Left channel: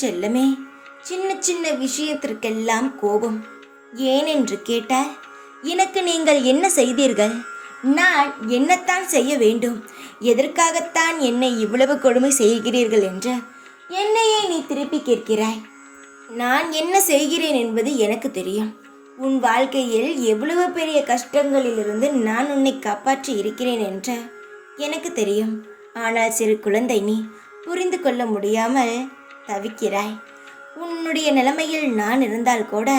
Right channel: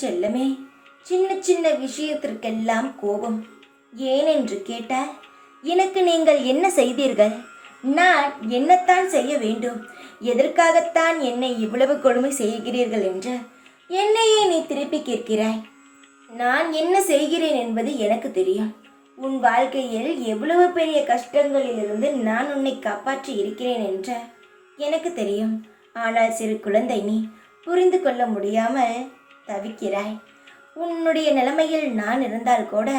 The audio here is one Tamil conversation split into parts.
செல்லமே, சின்ன சின்ன விஷயத்திற்கெல்லாம் கோபம் ஏன் என்று கேட்டால், எனக்கு நீங்கள் என்ன செய்தீர்கள்? நான் என்னத்தான் செய்ய வேண்டும்? எதற்காகத்தான் என்னை இவ்வளவு கொடுமை செய்கிறீர்கள் என்று என்னையே நீ திருப்பி கேட்கிறாய். நான் என்ன செய்கிறேன் என்பது எனக்கு தெரியும். உன் வாழ்க்கையில் எவ்வளவு பெரிய கஷ்டங்களிலிருந்து நான் உன்னை காப்பாற்றி இருக்கிறேன் என்று எனக்கு தெரியும். ஆனால் சிறு குழந்தை, நீ புரிந்து கொள்ள முடியாமல் தவிக்கிறாய். உன்னுடைய நிலைமையில் நான் இருந்தால் கூட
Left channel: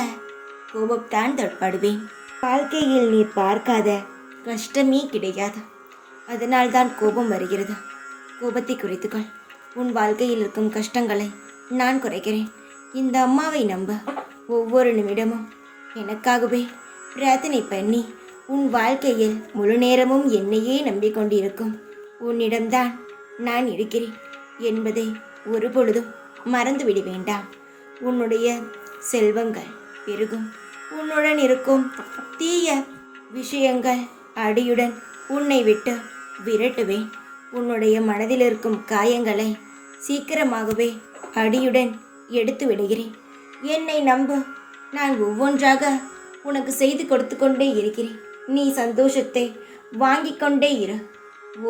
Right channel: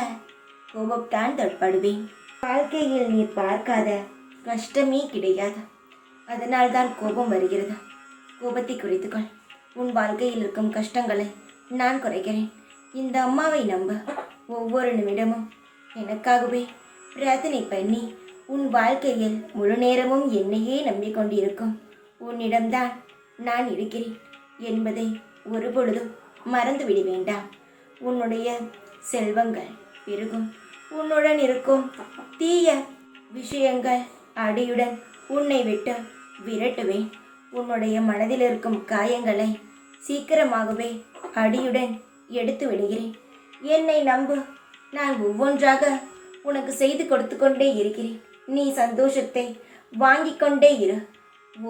கோபத்தான் தடுப்படுவேன். வாழ்க்கையில் நீ பார்க்காத கஷ்டமே கிடையாது. அதனால்தான் கோபம் வருகிறது. கோபத்தை குறைத்துக்கொள். உன் வாழ்க்கையில் இருக்கும் கஷ்டங்களை நான் குறைக்கிறேன். இந்த அம்மாவை நம்ப. ஒவ்வொரு நிமிடமும் எனக்காகவே பிரார்த்தனை பண்ணி உன் வாழ்க்கையில் முழு நேரமும் என்னையே நம்பிக்கொண்டிருக்கும் உன்னிடம்தான் நான் இருக்கிறேன் என்பதை ஒருபொழுதும் மறந்துவிட வேண்டாம். உன்னுடைய செல்வங்கள் பெருகும். உன்னுடன் இருக்கும் தீய விஷயங்கள் அடியுடன் உன்னை விட்டு விரட்டுவேன். உன்னுடைய மனதில் இருக்கும் காயங்களை சீக்கிரமாகவே அடியுடன் எடுத்து விடுகிறேன். என்னை நம்பு. நான் ஒவ்வொன்றாக உனக்கு செய்து கொடுத்து கொண்டே இருக்கிறேன். நீ சந்தோஷத்தை வாங்கி கொண்டே இரு.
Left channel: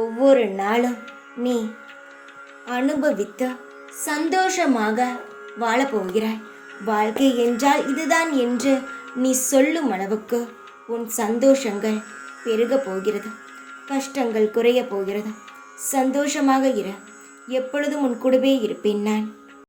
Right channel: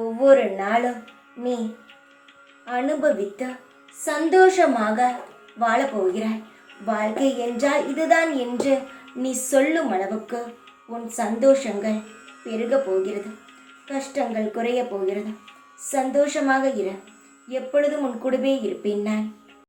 ஒவ்வொரு நாளும் நீ அனுபவித்து சந்தோஷமாக வாழப்போகிறாய். வாழ்க்கை என்றால் இதுதான் என்று நீ சொல்லும் அளவுக்கு உன் சந்தோஷங்கள் பெருக போகிறது. கஷ்டங்கள் குறைய போகிறது. சந்தோஷமாக இரு. எப்பொழுதும் உன் கூடவே இருப்பேன் நான்.